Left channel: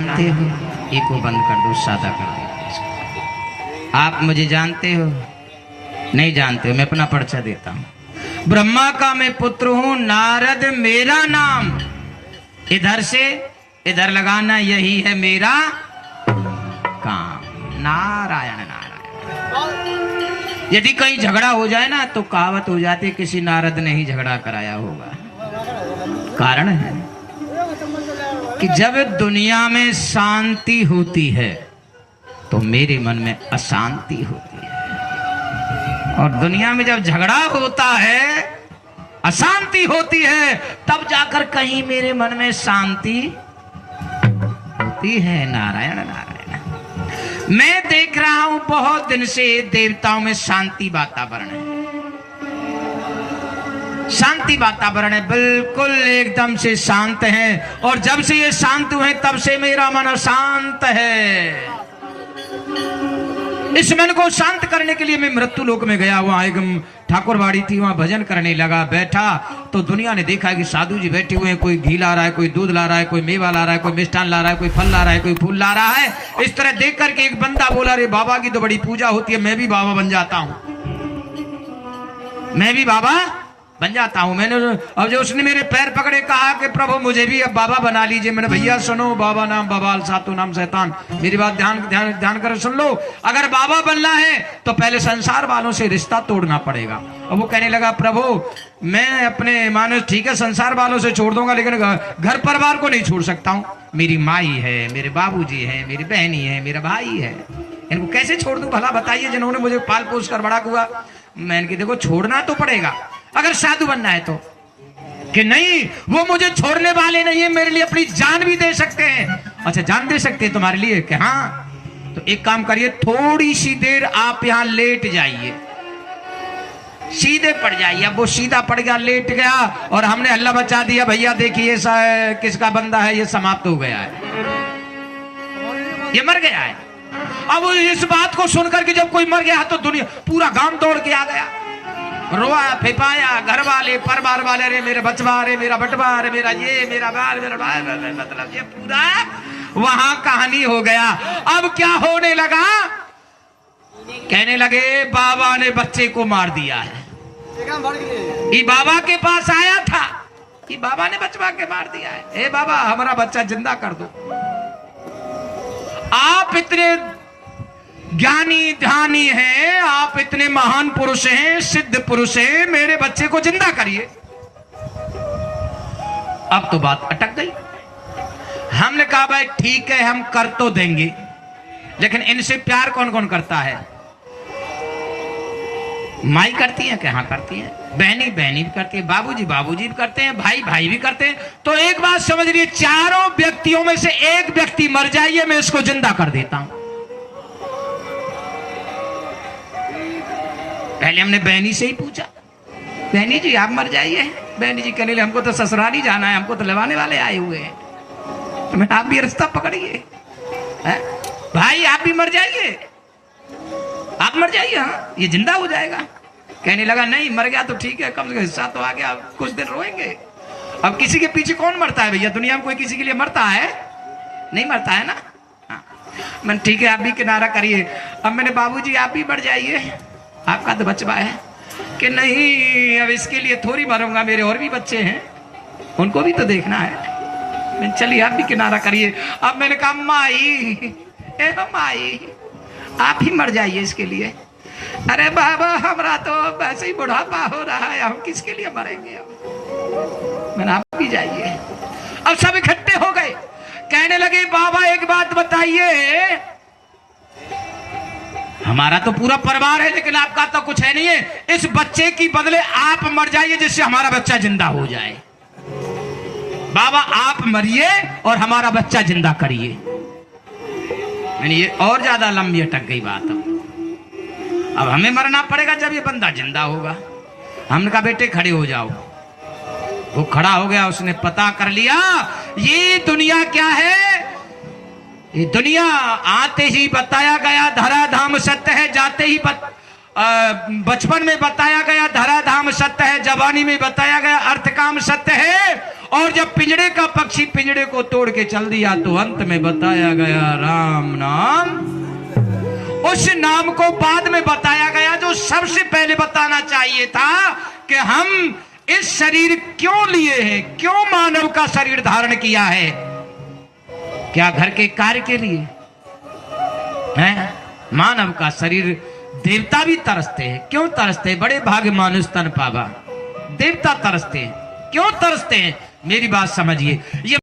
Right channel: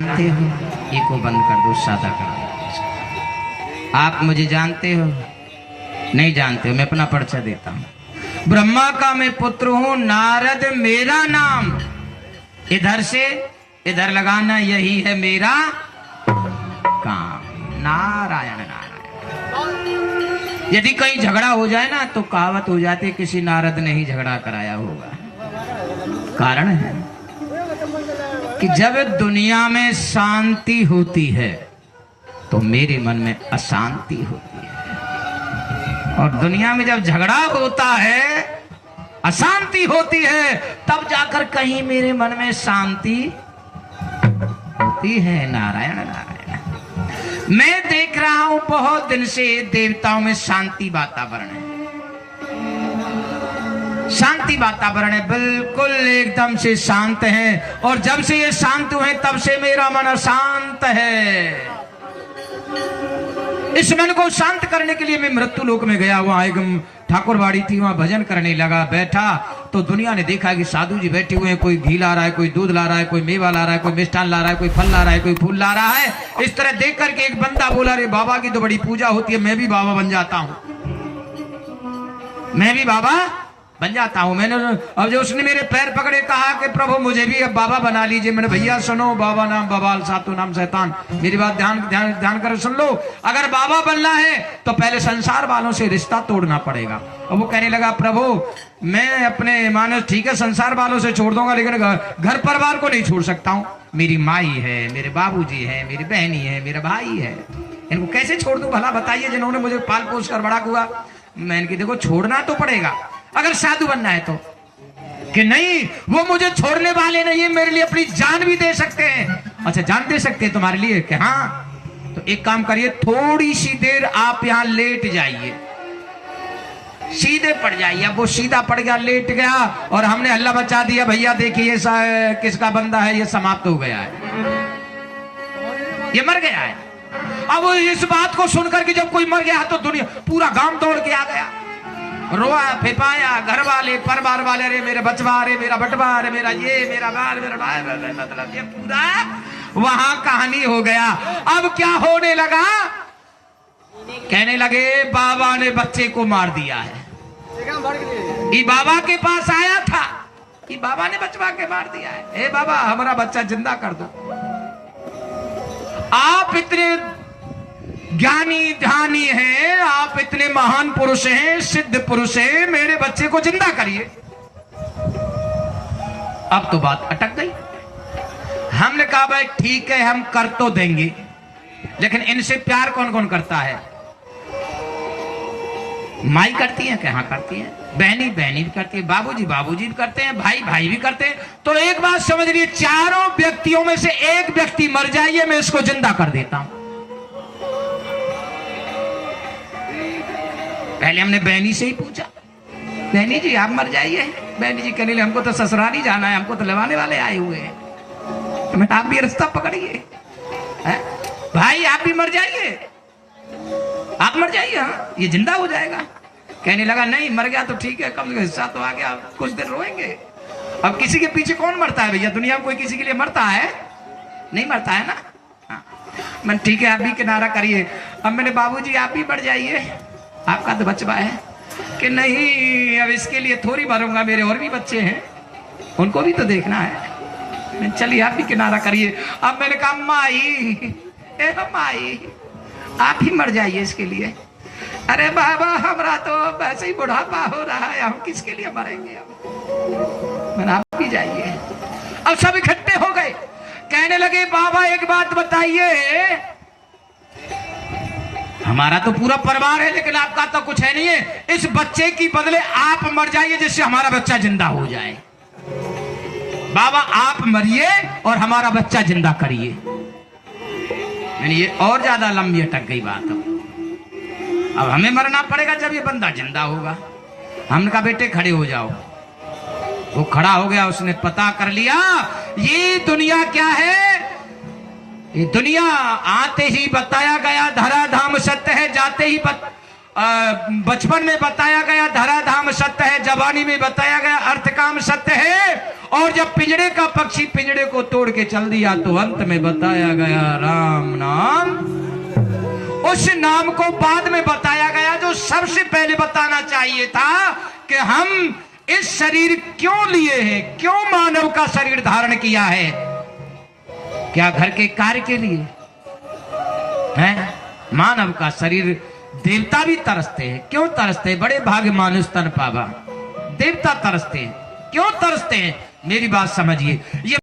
जानते हो, ईको बंद कर दो, सादा कर दो। आप मुझे जानते हो? नहीं जानते हो। मैं अपना परिचय देता हूँ। ब्रह्मा का मैं पुत्र हूँ, नारद मेरा नाम। इधर से इधर लगाना, यही है मेरा काम। नारायण नारायण। यदि कहीं झगड़ा हो जाए ना तो कहावत हो जाती है किसी नारद ने ही झगड़ा कराया होगा। कारण है कि जब दुनिया में शांति होती है तो मेरे मन में अशांति होती है, और दुनिया में जब झगड़ा होता है, अशांति होती है, तब जाकर कहीं मेरे मन में शांति होती है। नारायण नारायण। मैं देख रहा हूं बहुत दिन से देवताओं में शांति वातावरण है, शांति वातावरण है, बिल्कुल एकदम से शांत है। और जब से ये शांत हुए तब से मेरा मन अशांत है। इस मन को शांत करने के लिए मैं मृत्यु लोक में गया। वहां एक ठाकुरवाड़ी थी, वहां भजन करने लगा। बैठा तो दुनिया ने देखा कि साधु जी बैठे हुए हैं, कोई घी ला रहा है, कोई दूध ला रहा है, कोई मेवा ला रहा है, कोई मिष्ठान ला रहा है, कोई फल ला रहा है, कोई फूल ला रहा है। इस तरह देख करके एक बंदा बोला, रे बाबा की तो बड़ी पूजा होती है, मैं भी बाबा बन जाता हूं, मैं भी बाबा बन जाता हूं। मैंने अब जो उसने मेरे पैर पकड़े, कहा कि प्रभु मुझे भी अब बाबा बना लीजिए। मैंने, भैया सुनो, बाबा नाम बवाल, सातों नाम शैतान। मेरी बात ध्यान ध्यान ध्यान कर सुन लो। अगर बाबा बनना है तो पहले संसार वालों से रिश्ता तोड़ना पड़ेगा। और वो कहने लगा, प्रभु मैं अपने मानस ठीक है संसार वालों से छोड़ दूंगा, लेकिन घर परिवार को नहीं छोड़ सकता हूँ। मेरी माई है, मेरे बाबूजी है, मेरी बहनी है, मेरा भाई है, इनको कैसे छोड़ दूं भला बताइए, जिन्होंने मुझे पाल पोस कर बड़ा हुआ। मैं इनकी देखो छोड़ना तो पड़ेगा अगर साधु बनना है तो। कि नहीं, वो मुझे छोड़ने वाले नहीं है, मेरे लिए अपनी जान भी दे सकते हैं। अच्छा, जान दे सकते हैं तुम्हारे लिए? कि हाँ, तो एक काम करिए, थोड़ी सी देर आप यहां लेट जाइए, सीधे पड़ जाइए। अब वो सीधा पड़ गया, लेट गया, और हमने हल्ला बचा दिया, भैया देखिए किसका बंदा है, ये समाप्त हो गया है, ये मर गया है। अब इस बात को सुनकर कि जब कोई मर गया तो दुनिया पूरा गांव दौड़ के आ गया, रोआ फिपाया, घर वाले परिवार वाले, अरे मेरे बचवा, अरे मेरा बटवा, अरे मेरा ये, मेरा बाल, मेरा बाल, मतलब ये पूरा वहां कहानी हो गया। अब क्या होने लगा? कहने लगे बाबा ने बच्चे को मार दिया है। ये बाबा के पास आया था, ये बाबा ने बचवा के मार दिया है। हे बाबा, हमारा बच्चा जिंदा कर दो। आप इतने ज्ञानी ध्यानी है, आप इतने महान पुरुष हैं, सिद्ध पुरुष हैं, मेरे बच्चे को जिंदा करिए। अब तो बात अटक गई। हमने कहा भाई ठीक है, हम कर तो देंगे, लेकिन इनसे प्यार कौन कौन करता है? माई करती है, कहां करती है, बहनी बहनी भी करती है, बाबूजी बाबूजी भी करते हैं, भाई भाई भी करते हैं। तो एक बात समझ लीजिए, चारों व्यक्तियों में से एक व्यक्ति मर जाइए, मैं इसको जिंदा कर देता हूं। पहले हमने बहनी से ही पूछा, बहनी जी आप मर जाइए। बहनी जी कहने लगे, हमको तो ससुराल ही जाना है, हमको तो लगाने वाले आए हुए हैं। तो मैं, आप भी रास्ता पकड़िए। भाई आप भी मर जाइए, आप मर जाइए, हाँ ये जिंदा हो जाएगा। कहने लगा, नहीं मर गया तो ठीक है, कम से कम हिस्सा तो आ गया, कुछ देर रोएंगे। अब किसी के पीछे कौन मरता है भैया? दुनिया में कोई किसी के लिए मरता है? नहीं मरता है ना। हाँ। मैं, ठीक है आप भी किनारा करिए। अब मैंने, बाबूजी आप भी मर जाइए, आपका तो बचवा है। कि नहीं, अब इसके लिए थोड़ी मरूंगा, मेरे और भी बच्चे हैं, उनको भी तो देखना है। मैं, चलिए आप भी किनारा करिए। अब मैंने कहा, माई माई आप ही मर जाइए इसके लिए। अरे बाबा हमारा तो वैसे ही बुढ़ापा हो रहा है, हम किसके लिए मरेंगे? मैंने, आप भी जाइए। अब सब इकट्ठे हो गए, कहने लगे, बाबा एक बात बताइए, हमारा तो पूरा परिवार है लेकिन आपका तो कुछ है नहीं है, इस बच्चे की बदले आप मर जाइए जिससे हमारा बच्चा जिंदा हो जाए। बाबा आप मरिए और हमारा बच्चा जिंदा करिए। मैंने, ये और ज्यादा लंबी अटक गई बात। अब हमें मरना पड़ेगा जब ये बंदा जिंदा होगा। हमने कहा, बेटे खड़े हो जाओ। वो खड़ा हो गया, उसने पता कर लिया ये दुनिया क्या है। ये दुनिया आते ही बताया गया धराधाम सत्य है, जाते ही बचपन में बताया गया धराधाम सत्य है, जवानी में बताया गया अर्थ काम सत्य है, और जब पिंजड़े का पक्षी पिंजड़े को तोड़ के चल दिया तो अंत में बताया गया राम नाम। उस नाम को बाद में बताया गया जो सबसे पहले बताना चाहिए था कि हम इस शरीर क्यों लिए हैं, क्यों मानव का शरीर धारण किया है। क्या घर के कार्य के लिए है? मानव का शरीर देवता भी तरसते हैं। क्यों तरसते हैं? बड़े भाग्य मानुष तन पावा। देवता तरसते हैं। क्यों तरसते हैं? मेरी बात समझिए। ये